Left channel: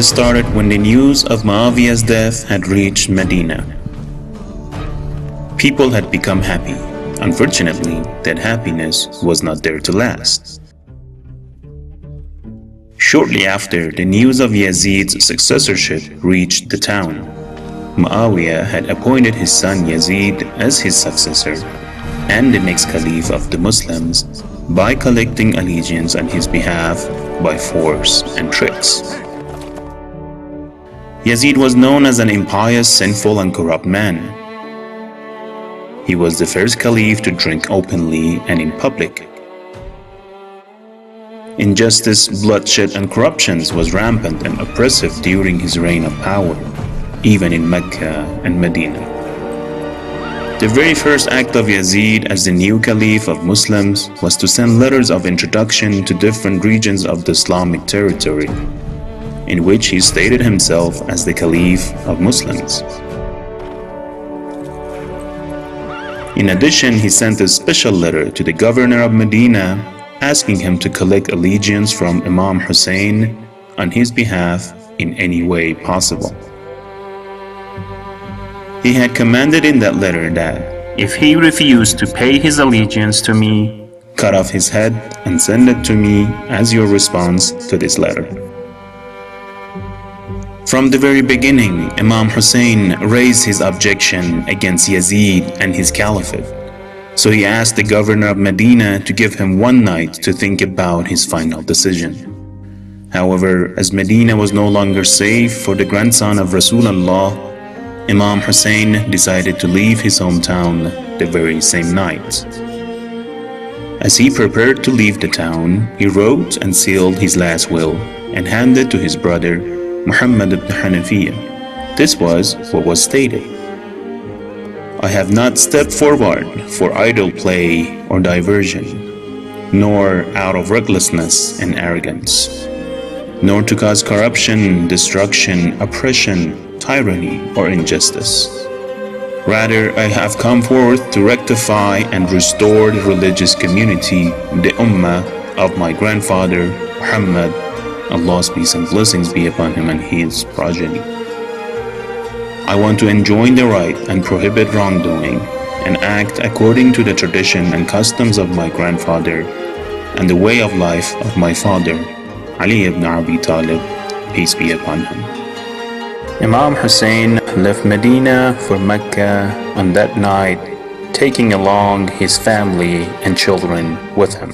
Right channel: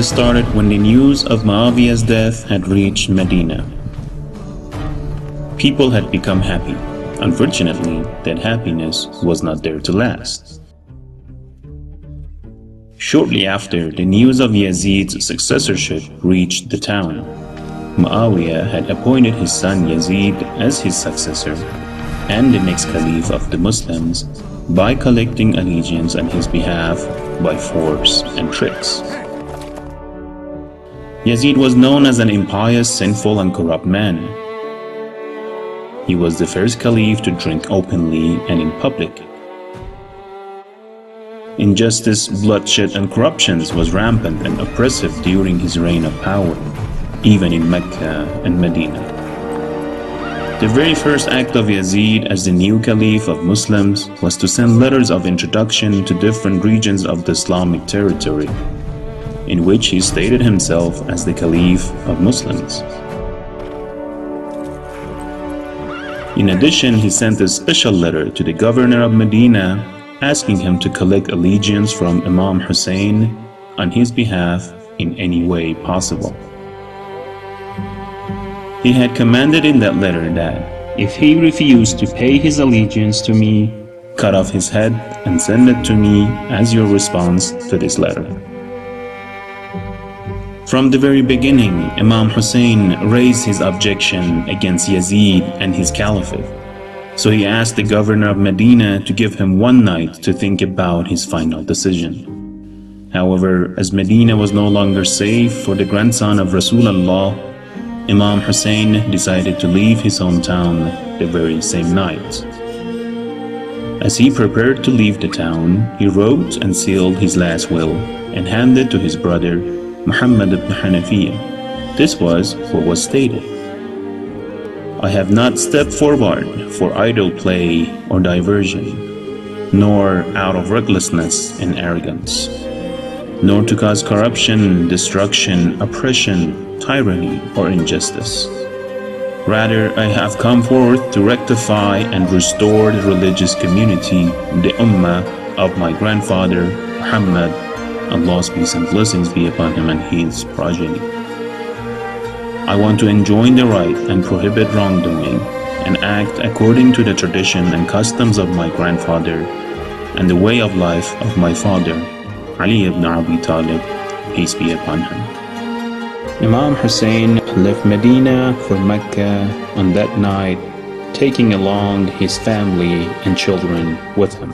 trend started when the news of Muawiyah's death had reached Medina. People had become happy. Unfortunately, that happiness was not there to last. Shortly after, the news of Yazid's successorship reached the town. Muawiyah had appointed his son Yazid as his successor and the next caliph of the Muslims by collecting allegiance on his behalf by force and tricks. Yazid was known as an impious, sinful, and corrupt man. He was the first caliph to drink openly and in public. Injustice, bloodshed, and corruptions was rampant and oppressive during his reign of power, even in Mecca and Medina. The very first act of Yazid as the new caliph of Muslims was to send letters of introduction to different regions of the Islamic territory, in which he stated himself as the caliph of Muslims. In addition, he sent a special letter to the governor of Medina asking him to collect allegiance from Imam Hussain on his behalf in any way possible. He had commanded in that letter that, if he refused to pay his allegiance to me, cut off his head and send it to me as your response to this letter. From the very beginning, Imam Hussain raised his objection against Yazid and his caliphate. So he asked the governor of Medina to give him one night to think about his final decision. However, as Medina was no longer safe for the grandson of Rasulullah, Imam Hussain decided to leave his hometown the very same night. As he prepared to leave the town, he wrote and sealed his last will and handed to his brother Muhammad ibn Hanafiya. This was what was stated: I have not stepped forward for idle play or diversion, nor out of recklessness and arrogance, nor to cause corruption, destruction, oppression, tyranny, or injustice. Rather, I have come forth to rectify and restore the religious community, the ummah of my grandfather Muhammad, Allah's peace and blessings be upon him and his progeny. I want to enjoin the right and prohibit wrongdoing and act according to the tradition and customs of my grandfather and the way of life of my father, Ali ibn Abi Talib, peace be upon him. Imam Hussain left Medina for Mecca on that night, taking along his family and children with him.